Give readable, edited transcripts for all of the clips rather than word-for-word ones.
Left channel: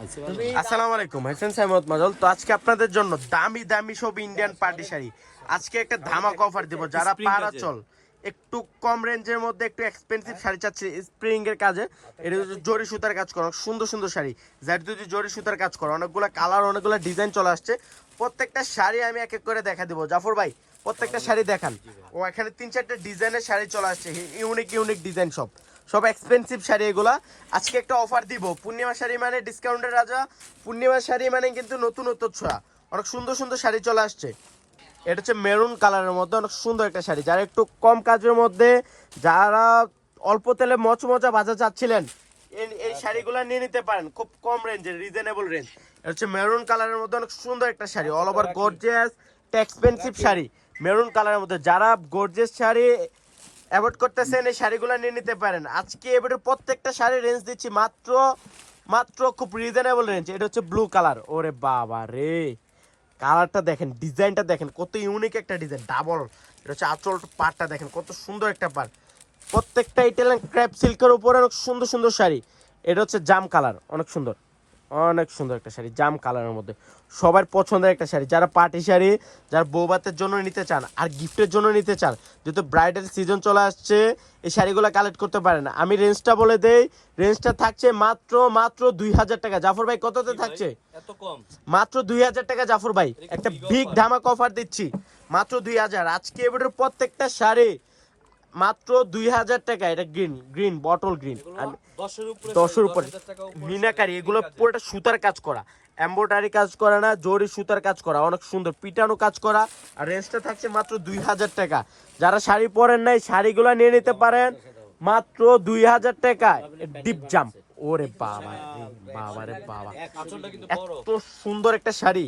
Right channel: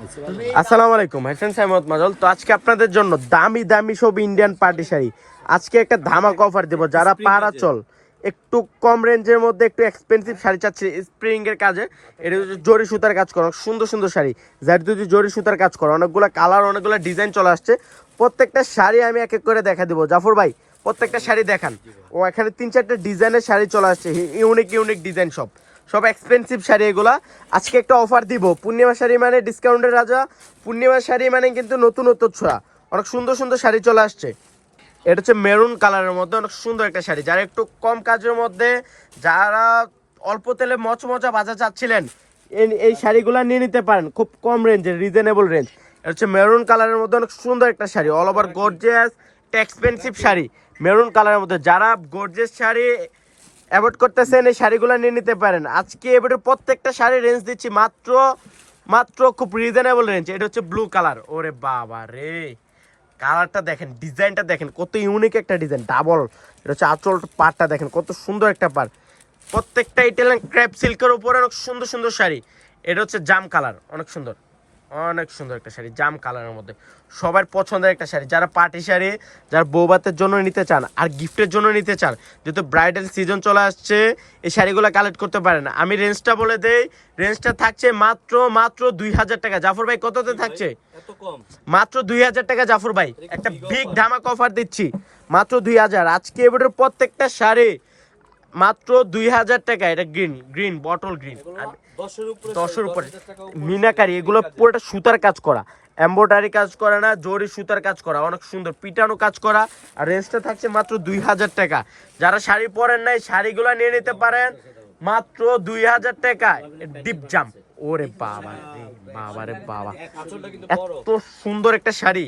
আসসালামু আলাইকুম, হাসান সাইমত মাজল। তো আজকে আপনাদের জন্য দামি দামি সব ইন্ডিয়ান পার্টি শাড়ি আজকে একটা ধামাকা অফার দেব। যারা পাড়া চল একটু কম রেঞ্জের মধ্যে একটু এক্সপেন্সিভ শাড়ি চাচ্ছে স্প্রিং এর কাজে, এটা হচ্ছে জরি সুতার কাজ করা, সুন্দর সুন্দর শাড়ি যার যদি জরি সুতার কাজ করা, অনেকগুলো কালার অনেকগুলো ডিজাইন চলে আসছে। প্রত্যেকটা শাড়ি আমি এক এক করে দেখা দিব। জাফর ভাই প্রত্যেকটা শাড়ি দেখান। ও এখানে 3-4টা ডিজাইনের শাড়ি চলে আসছে, ইউনিক ইউনিক ডিজাইন, সব এক্সপেন্সিভ শাড়ি এগুলা। আজকে একটা অফার দিব, পূর্ণিমা শাড়ি মানে ডিসকাউন্টের রাজা, পূর্ণিমা শাড়ি মানে কিন্তু নতুন নতুন ছোঁয়া, অনেক সুন্দর সুন্দর শাড়ি চলে আসছে। এটা হচ্ছে মেরুন কালারের মধ্যে অনেক সুন্দর একটা শাড়ি, যারা একটু কম কাজের মধ্যে, যারা অল্প তেলে মচমচা ভাজা চাচ্ছিলেন, এই শাড়িগুলো নিয়ে নিতে পারেন, খুব কম রেঞ্জের, রিজনেবল রেঞ্জ। এটা হচ্ছে মেরুন কালারের মধ্যে অনেক সুন্দর একটা sari, all over gorgeous, expensive sari maroon কালারের মধ্যে। যারা গর্জিয়াস শাড়ি অ্যাভয়েড করতেছেন এই শাড়িগুলো নিয়ে নিতে পারেন। আজকে এবারে প্রত্যেকটা শাড়ি রেঞ্জ দিচ্ছি মাত্র খুব রিজনেবল রেঞ্জ। এটা হচ্ছে ব্লু কালার, ওরে বাবা রে, কালারটা দেখেন, ডিজাইনটা দেখেন, কত ইউনিক একটা ডিজাইন, ডাবল। এটা হচ্ছে আঁচল পাড়টা দেখেন, কত সুন্দর একটা পাড়। প্রত্যেকটা ইটালিয়ান ক্র্যাপ সিল্কের উপরে অনেক সুন্দর সুন্দর শাড়ি। এটা হচ্ছে জাম কালার, অনেক সুন্দর একটা শাড়ি, জাম কালারের মধ্যে সবার পছন্দের একটা শাড়ি। যারা পার্টি শাড়ি, যারা বৌভাতের জন্য নিতে চান আর গিফটের জন্য নিতে চান, যেহেতু ব্রাইডাল সিজন চলে আসছে, এই শাড়িগুলো কালেক্ট করতে পারেন। আমি রেঞ্জটা বলে দেই, রেঞ্জটা থাকছে মাত্র 2000 টাকা। জাফর ভাই কততে থাকছে? মাত্র 2000 টাকা। জাফর ভাই একটা বিগ ধামাকা অফার দিচ্ছি, মাত্র 2000। আজকে এবারে প্রত্যেকটা শাড়ি মাত্র 2000 টাকা। এটা গ্রিন বটল গ্রিন, 10-এর উপরে মিনাকারি, এগুলো পুরোটা সুতার কাজ করা, এমব্রয়ডারি কাজ করা না, জরি সুতার কাজ করা, অনেক সুন্দর পিটানো কাজ করা। আর রেঞ্জটা থাকছে মাত্র 2000 টাকা। যারা শাড়ি পরেন নাই শাড়িগুলো নিয়ে নিতে পারেন মাত্র 2000 টাকা। ডিপ জাম, ওরে বাবা রে বাবা, এত সুন্দর একটা শাড়ি,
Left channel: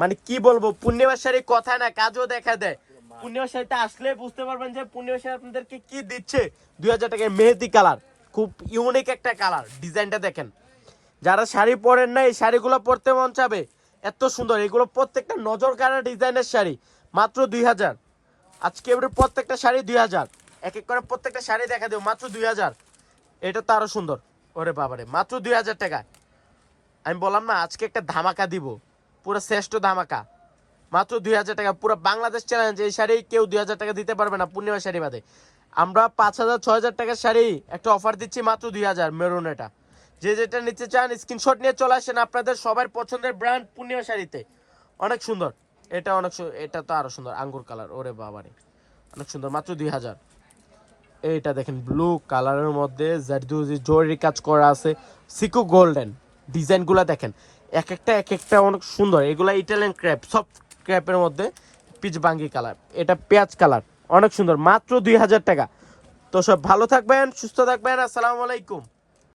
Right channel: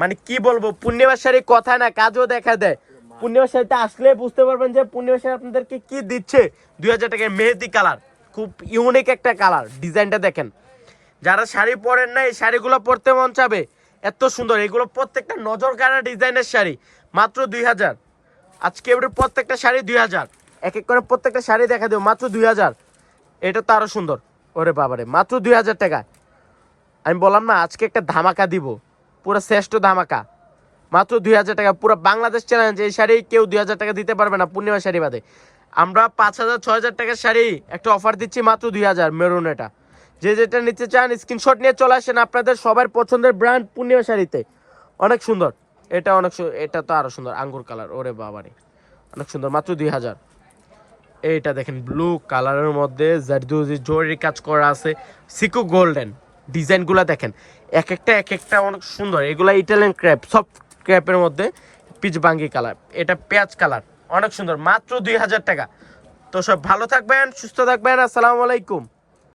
মানে কি বলবো, পূর্ণিমার শাড়ি কথা না, কাজও দেখা দেয়। পূর্ণিমার শাড়িটা আসলে বুঝতে পারবেন যে পূর্ণিমার শাড়ি আপনাদেরকে কি দিচ্ছে। 2000 টাকায় মেহেদি কালার, খুব ইউনিক একটা কালার, ডিজাইনটা দেখেন। যারা শাড়ি পরেন না এই শাড়িগুলো পরতে মন চাবে, এত সুন্দর। এগুলো প্রত্যেকটা নজর কাড়া ডিজাইনের শাড়ি, মাত্র 2000। আজকে এবারে প্রত্যেকটা শাড়ি 2000, এক এক করে প্রত্যেকটা শাড়ি দেখা দেবো মাত্র 2000। এটা তো আরো সুন্দর, ওরে বাবারে, মাত্র 2000 টাকায়। আমি বললাম না আজকে একটা ধামাকা দিব, পুরো শ্রেষ্ঠ ধামাকা, মাত্র 2000 টাকা। পুরো বাংলাদেশ চ্যালেঞ্জ, এই শাড়ি কেউ 2000 টাকা দিতে পারবে না পূর্ণিমা শাড়ি বাদে। আমরা 5000-6000 টাকার শাড়ি একটা অফার দিচ্ছি মাত্র 2000 মেরুন। এটা যে যেটা নিতে চান স্ক্রিনশট নিয়ে চলে আসেন, আপনাদের সবার পছন্দের ব্র্যান্ড পূর্ণিমা শাড়িতে, অনেক সুন্দর। এটা এটা তো আরো সুন্দর, আঙ্গুর কালার, ওরে বাবারে অনেক সুন্দর, মাত্র 2000। এইটা দেখেন ব্লু কালারের মধ্যে জারদুজি জরি কাজ করা আছে, সিকো গোল্ডেন, ডিজাইনগুলো দেখেন, এক একটা অনেক সুন্দর। এগুলা ইটালিয়ান ক্র্যাপ, সব ক্র্যাপের মধ্যে পিচ বাঙ্গি কালার, এটা পেঁয়াজ কালার, অনেক সুন্দর, মাত্র 2000 টাকা। তো সব ভালো থাকবেন, সুস্থ থাকবেন, আসসালামু আলাইকুম।